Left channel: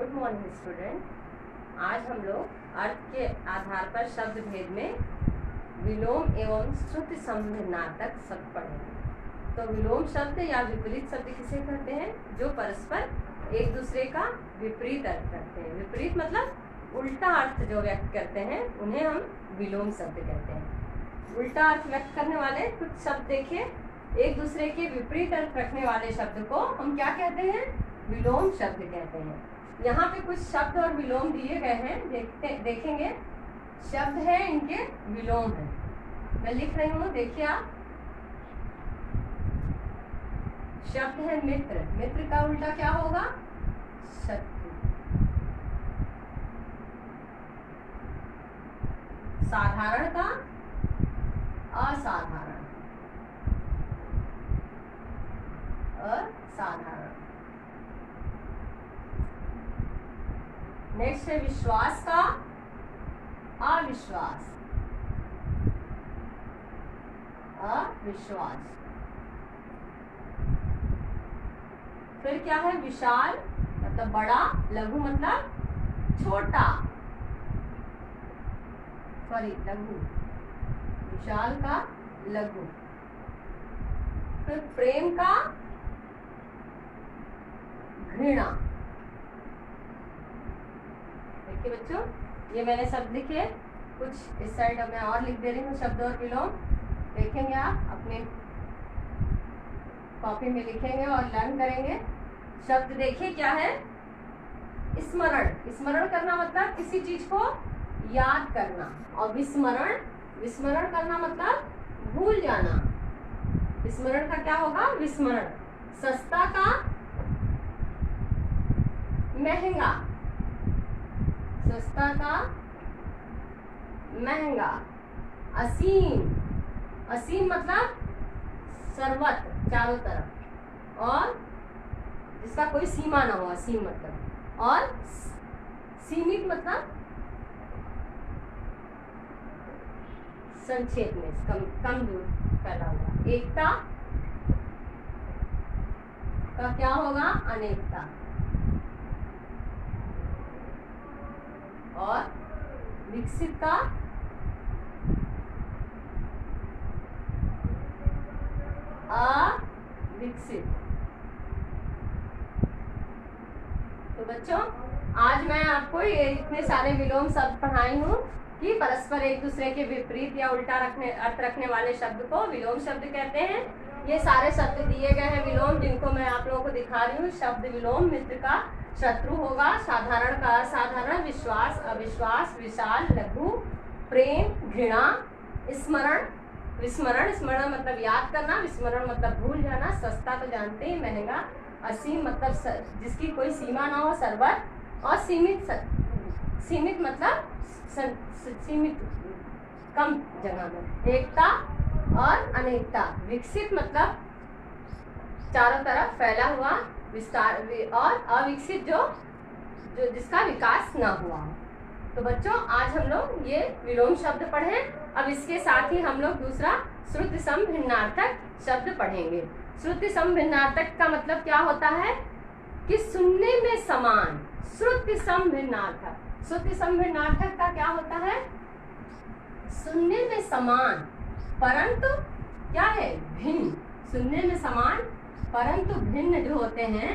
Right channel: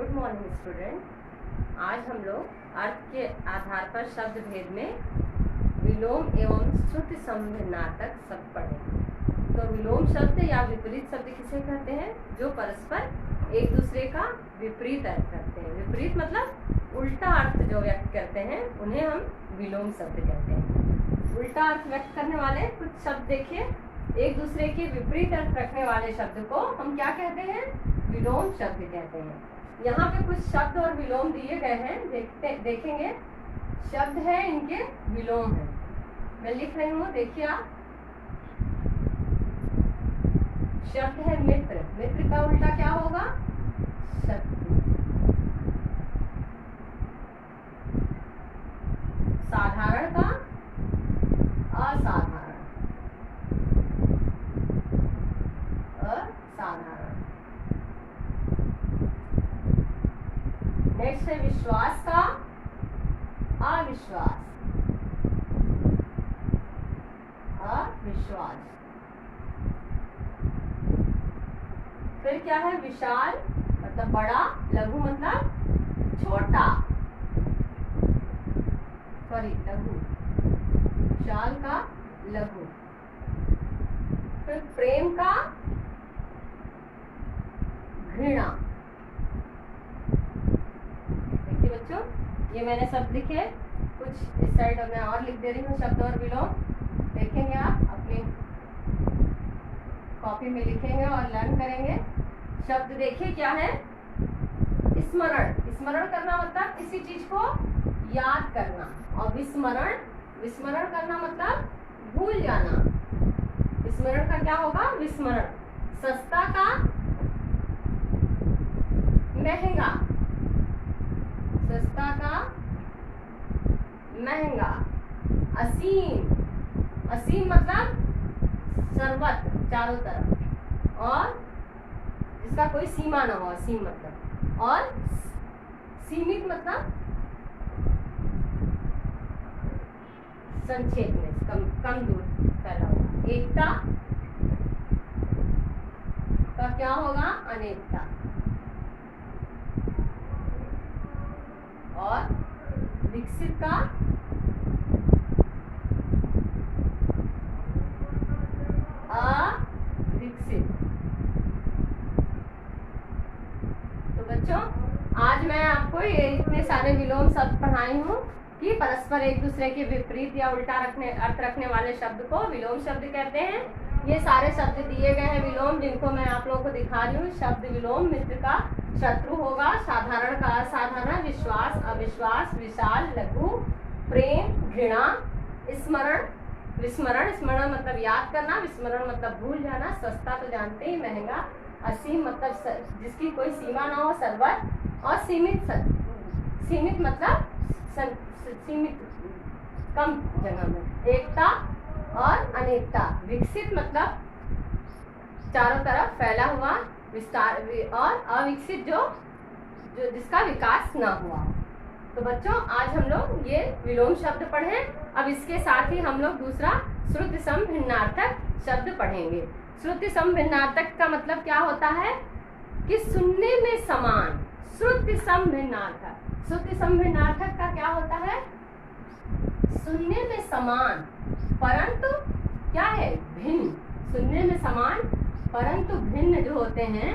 Good morning student. आज हम लोग अर्थ के आधार पर शब्द भेद में विलोम एवं श्रुति संभिन्नार्थक शब्द पढ़ेंगे। तो विलोम शब्द या विपरीत शब्द किसे कहते हैं? जो परस्पर एक दूसरे का विपरीत अर्थ रखते हैं। विपरीत मतलब उल्टा अर्थ जो व्यक्त करते हैं उन्हें हम विलोम शब्द कहते हैं। उल्टा अर्थ व्यक्त करने वाले कुछ शब्द देखिए, एक दूसरे के विपरीत अर्थ रखने वाले शब्द को हम क्या कहते हैं? विलोम शब्द कहते हैं। यहाँ पे कुछ शब्द और विलोम दिए गए हैं, देखेंगे शब्द है, इनके विलोम है। मैं लिख रही हूँ, देखिए आप। शब्द है मित्र, मित्र का उल्टा क्या होगा? शत्रु। साधारण का असाधारण, असाधारण। नेक्स्ट है विश्वास का अविश्वास, अविश्वास। फिर क्या है? विशाल मतलब बड़ा, लघु मतलब छोटा, सॉरी लघु, विशाल का लघु। फिर प्रेम का घृणा। देखिए बच्चों, ये मैंने शब्द लिखे, कुछ इस साइड मैं और लिख दे रही हूँ शब्द और विलोम। देखेंगे आप अपनी कॉपी में लिखेंगे और लर्न करेंगे। शब्द देखिए क्या है? स्मरण, स्मरण करना मतलब किसी चीज को याद करना, और विस्मरण, विस्मरण करना मतलब भूल जाना। स्मरण का क्या होगा? विस्मरण। सस्ता का महंगा, सस्ता का महंगा। असीम, असीम मतलब सर्वत्र, चारों तरफ, और जिसका कोई सीमा ना हो, असीम मतलब। और सीमित मतलब संक्षेप में, कम दूर फैला हुआ। एकता का क्या होगा? अनेकता। और विकसित का अविकसित। तो बच्चों, आज मैं आपको ये इतने सारे विलोम शब्द पढ़ाई हूँ कि परस्पर एक दूसरे के विपरीत या उल्टा अर्थ रखने वाले शब्द को विलोम शब्द कहते हैं। ये सारे शब्द दिए गए हैं विलोम, जिनको मैं आप लोगों को दिखा रही हूँ। शब्द विलोम: मित्र का शत्रु होगा, साधारण का असाधारण, विश्वास अविश्वास, विशाल लघु, प्रेम घृणा, स्मरण विस्मरण, स्मरण मतलब याद करना, विस्मरण मतलब भूल जाना, सस्ता तो जानते ही, महंगा, असीम मतलब जिसकी कोई सीमा ना हो, सर्वत्र, और सीमित, सीमित मतलब सीमित, कम जगह में, एकता और अनेकता, विकसित मतलब चारों तरफ फैला हुआ, विस्तार, और अविकसित जो जिसका विकास ना हुआ। तो बच्चों, आज हम लोग ये विलोम शब्द पढ़े। अब इसके साथ ही हम लोग दूसरा श्रुति संभिन्नार्थक शब्द पढ़ेंगे। श्रुति संभिन्नार्थक का मतलब क्या होता है? कि सुनने में समान। श्रुति संभिन्नार्थक, श्रुति संभिन्नार्थक का क्या होता है? सुनने में समान परंतु क्या है? भिन्न। सुनने में समान परंतु भिन्न जो होते हैं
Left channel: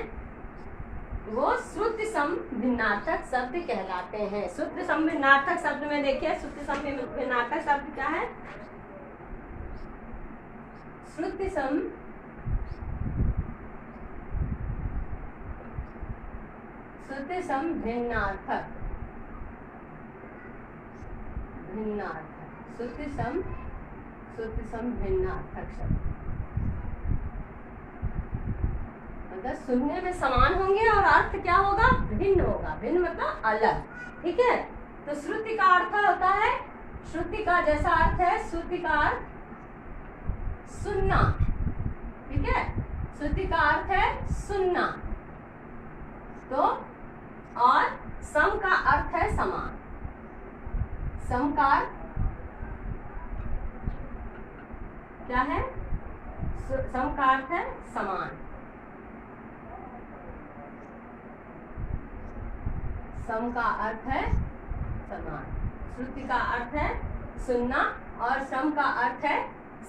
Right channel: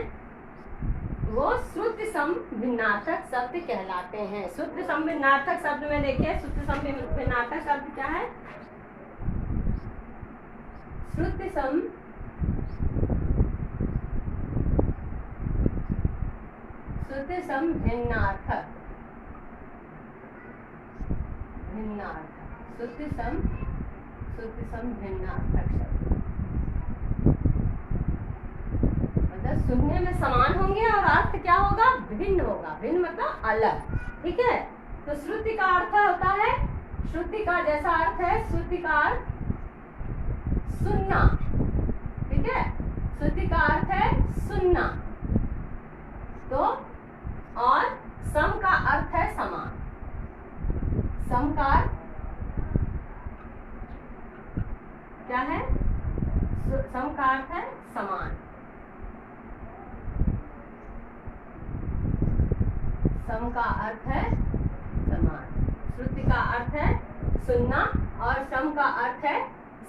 वो श्रुति संभिन्नार्थक शब्द कहलाते हैं। श्रुति संभिन्नार्थक शब्द में देखिए, श्रुति संभिन्नार्थक शब्द क्या है? श्रुति संभिन्नार्थक, भिन्नार्थक, श्रुति संभिन्नार्थक शब्द मतलब सुनने में समान होंगे और अर्थ क्या होगा? भिन्न होगा। भिन्न मतलब अलग, ठीक है। तो श्रुति का अर्थ होता है, श्रुति का जैसा अर्थ है, श्रुति का अर्थ सुनना, ठीक है। श्रुति का अर्थ है सुनना। तो और सम का अर्थ है समान। सम का अर्थ क्या है? सम का अर्थ है समान। सम का अर्थ है समान, श्रुति का अर्थ है सुनना और सम का अर्थ है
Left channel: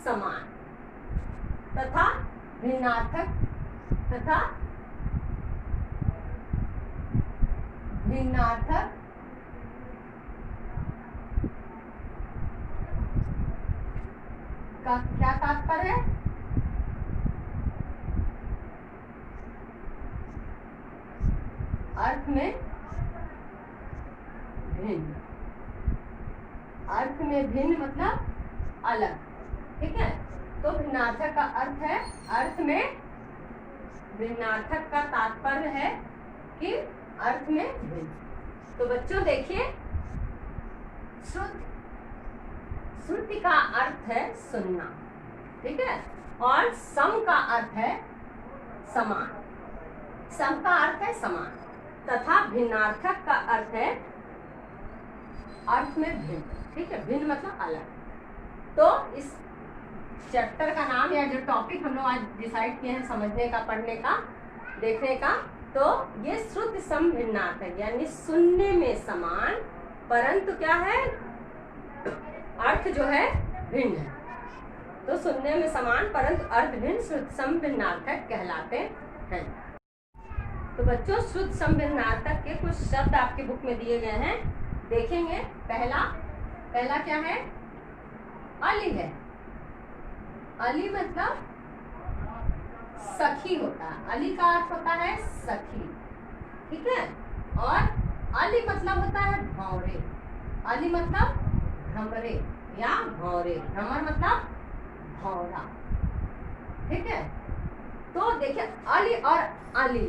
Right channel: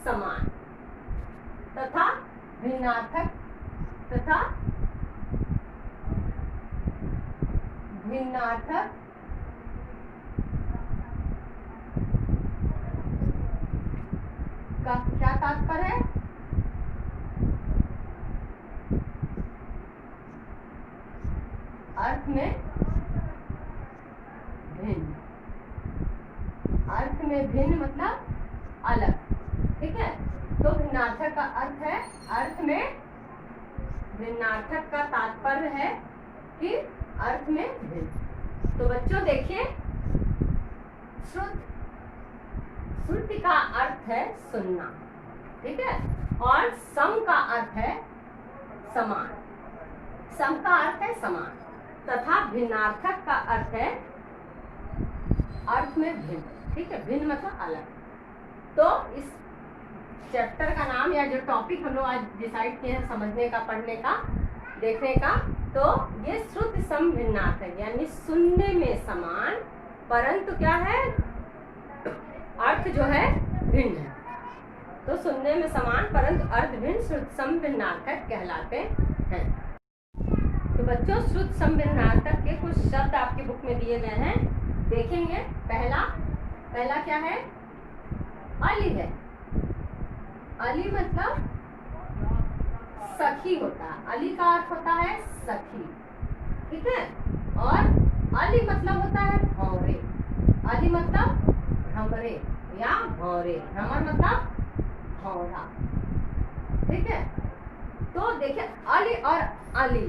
समान, तथा भिन्नार्थक का क्या तात्पर्य है? अर्थ में भिन्न, अर्थ में भिन्न मतलब अलग, ठीक है। तो भिन्नार्थक का अर्थ है, अर्थ में भिन्नार्थक का तात्पर्य है कि अर्थ में भिन्न। तो बच्चों देखिए, श्रुति का अर्थ है सुनना, ठीक है, और सम का अर्थ है समान, सम का अर्थ है समान, तथा भिन्नार्थक का अर्थ है अर्थ में भिन्न, ठीक है, भिन्न मतलब अलग। तो इस चैप्टर का नाम या जो टॉपिक हम लोग आज डिसाइड किए हैं समझने का, पढ़ने का, देखने का, तो ये श्रुति सम भिन्नार्थक यानी सुनने में समान परंतु क्या है, अर्थ जो है भिन्न है। तो सुनने में समान परंतु अर्थ भिन्न श्रुति सम भिन्नार्थक कहलाते हैं। तो बच्चों, श्रुति सम भिन्नार्थक के कुछ शब्द आपके बुक में दिए गए हैं, देखेंगे। पहला क्या है? अली है। अली मतलब सखी होता है, अली का अर्थ होता है सखी, ठीक है। और अली मतलब होता है भौरे, अली मतलब भ्रमरे या भौरे, भ्रमर मतलब भौरा, ठीक है। तो देखिए, अली और अली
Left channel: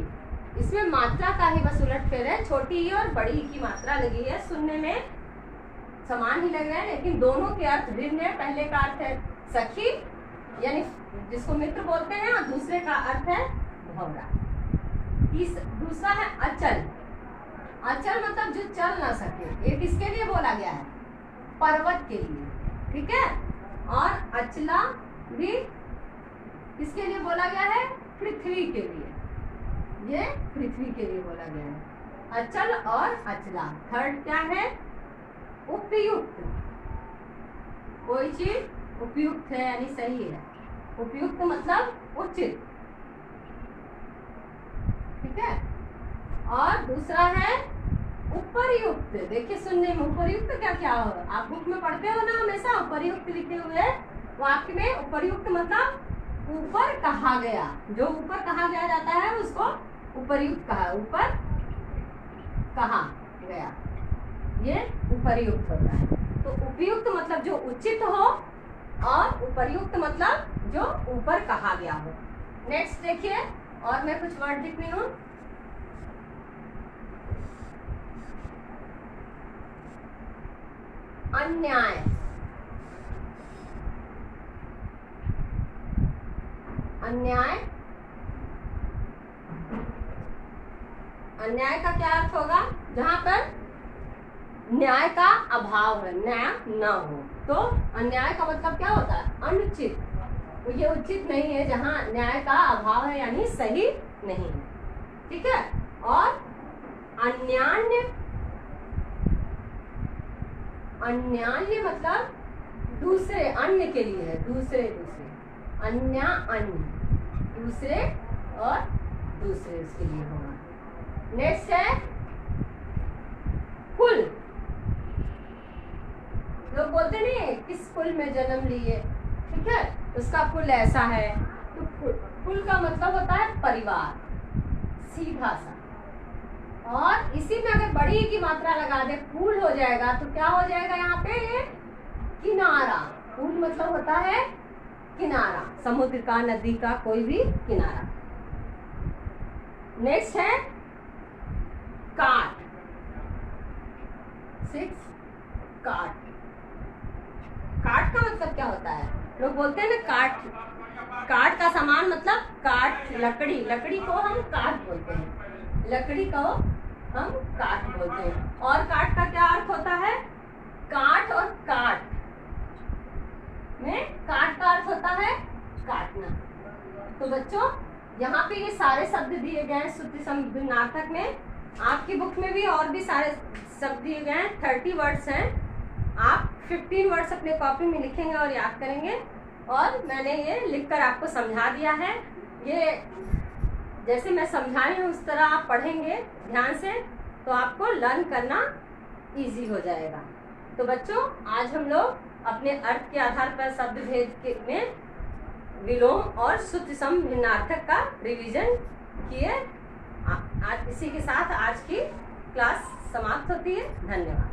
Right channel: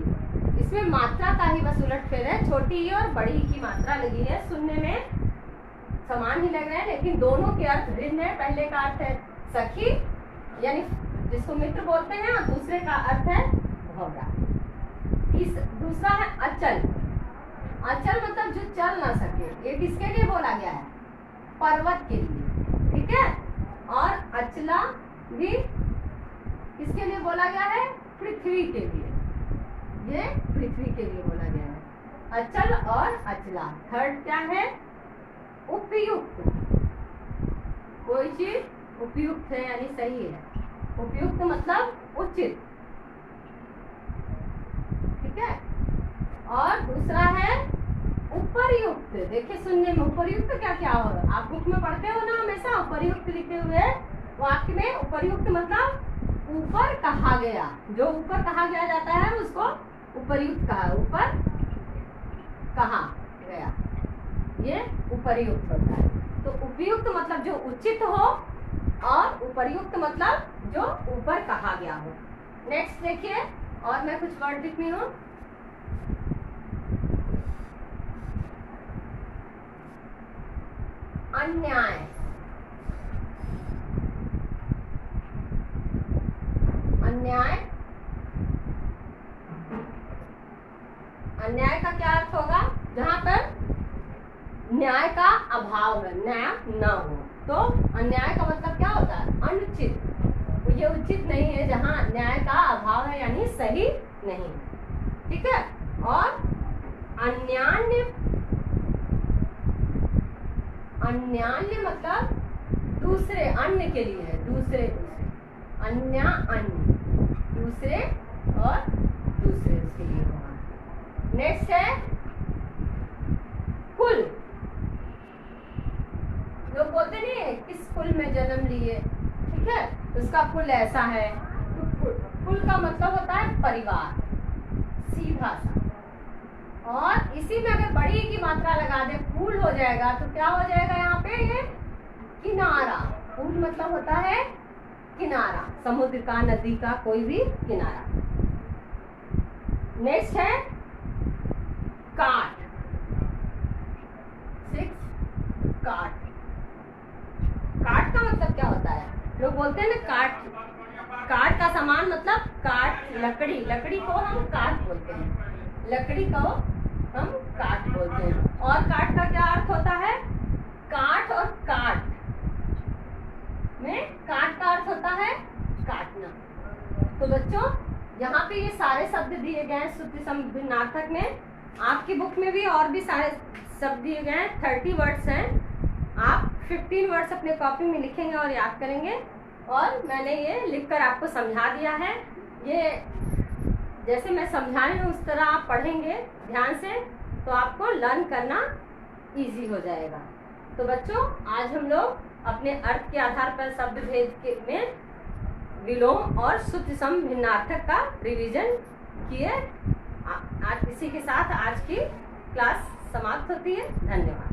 इसमें मात्रा का ही बस उलटफेर है, छोटी ही और बड़ी की मात्रा लगी है, सुनने में समान ही लग रहा है लेकिन दोनों के अर्थ भिन्न है। पहले का अर्थ है सखी यानी जिसको मित्र बोलते हैं, और दूसरे का अर्थ है भौरा। दूसरा है अचल। अचल मतलब जो चल ना सके, ये किसके लिए बोला गया है? पर्वत के लिए, ठीक है। और अचला भी किसके लिए बोला गया है? पृथ्वी के लिए, ये पृथ्वी के लिए बोला गया है। अचल और अचला। थर्ड क्या है? उपयुक्त। कोई चीज उपयुक्त है यानी सही है, उपयुक्त मतलब उचित, ठीक है। और दूसरा है उपर्युक्त। देखिए, सुनने में उपर्युक्त क्या क्या हो, आप बुक में पढ़ते हो ना हमेशा उपर्युक्त लिखे हुए वाक्य में। उपर्युक्त मतलब ऊपर कहा गया, जो ऊपर कहा गया जाता है उसको उपर्युक्त कहा, ऊपर कहा गया, ये उपर्युक्त होता है। तो उपयुक्त मतलब जो उचित हो और उपर्युक्त मतलब जो ऊपर कहा गया हो। नेक्स्ट देखिए, और मैं कुछ वर्ड लिख रही हूँ। अन्याय। अन्याय, अन्याय का क्या अर्थ होगा? जहां पर न्याय का अभाव है, न्याय न हो, तो अन्याय का मतलब क्या होता है? अनुचित। तो ये उचित नहीं है, जहां न्याय का अभाव है यानी सही नहीं है, ठीक है। और अन्यान्य, अन्यान्य मतलब दूसरे, अन्य के लिए है, दूसरे दूसरे, अन्य अन्य, दूसरे और दूसरे उसके लिए होगा। नेक्स्ट है कुल। लोग बोलते नहीं किस कुल में जन्म लिए, ठीक है, उसका कुल ऐसा है। तो कुल का मतलब होता है परिवार, सीधा सा। और इसी में अगर बड़ी की मात्रा लगा दे, कुल हो जाएगा, तो क्या हो जाएगा यहाँ पे? ये किनारा। कुल मतलब होता है किनारा, समुद्र का, नदी का, कोई भी किनारा। नेक्स्ट है काट। 6 काट। काट का मतलब क्या होता है? लोग बोलते हैं ना काट, काट का सामान मतलब काट, लकड़ी, लकड़ी को हम काट बोलते हैं, लकड़ी को हम काट बोलते हैं। और काट का क्या अर्थ होता है? काट और काट में काट का अर्थ होता है काटना। तो बच्चों, यहाँ पे ये सारे शब्द दिए गए हैं श्रुति सम भिन्नार्थक में। आपकी बुक में भी और भी सारे शब्द दिए गए हैं, 30 वर्ड्स हैं। आप 15 वर्ड्स अपने कॉपी में लिखेंगे और याद करेंगे। और मैंने ये लिखकर आपको समझा दिया है। ये जैसे मैं समझाई हूँ उस तरह आप पढ़ेंगे ध्यान से तो आपको लर्न करना इजी हो जाएगा। तो बच्चों, आज हम लोग अपने अर्थ के आधार पर शब्द भेद में विलोम और सूत्र सम भिन्नार्थक का रिवीजन किए। इसी के साथ आज की क्लास समाप्त होती है। धन्यवाद।